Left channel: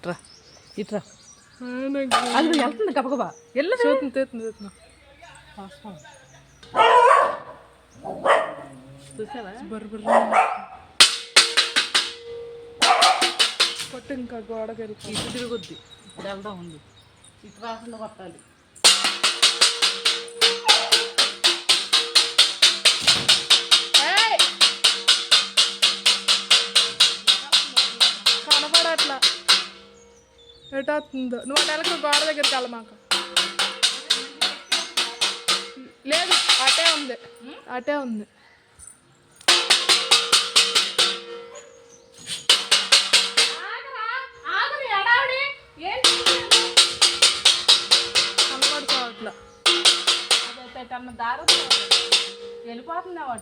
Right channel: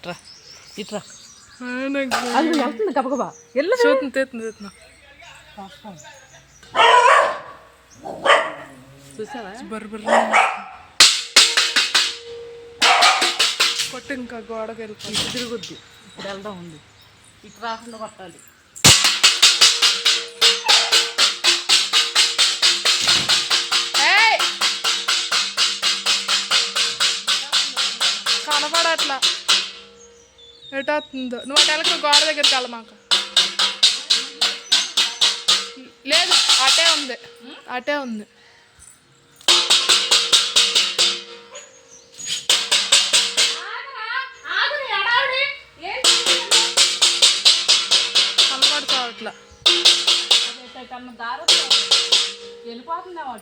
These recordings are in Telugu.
ఇట్రా ఇట్రా. అది వెళ్తుంది గబగబా ఎల్లు చూస్తుంది తీస్తుంది తీస్తున్నా చూసావా? బర్ర బర్ర కొట్టు ఇంకా వెళ్ళిపో ఇటు తిరుగుద్ది ఇప్పుడు వెళ్దాం ఉంది ఇటు రాకుండా కొట్టాలి. కనపడట్లా. ఎటవుతుందో నువ్వు అటు వెళ్ళకు గోడ దగ్గరికి వెళ్ళమాక లేదు అటే ఉంది. అటే ఉంది.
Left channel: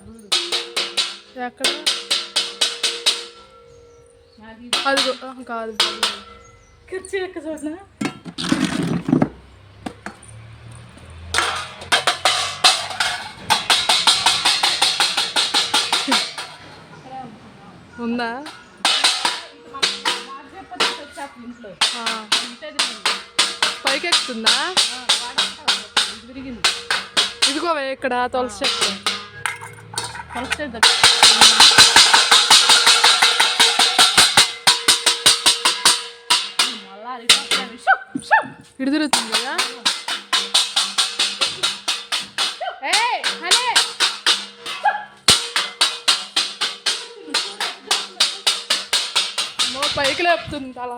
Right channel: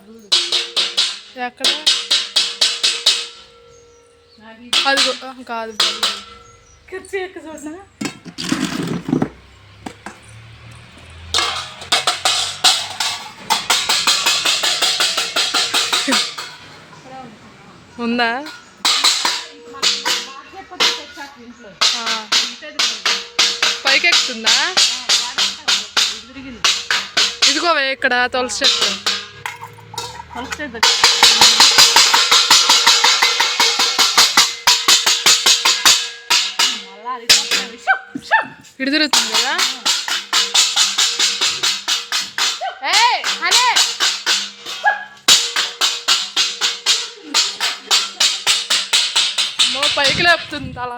చూడు ఎక్కడ? అదిగో ఆ, కాదు కుర్చీ ఎక్క చూసినా ఉందా ఇంట్లో ఆ. పైకి ఎక్కుతుందా తిరిగింది ఇదిగో ఇక్కడ తులసి చెట్టు. కలిస్తే మళ్ళా ఇటు తిరుగుతుంది కదా పైకి లేపుతుంది అలా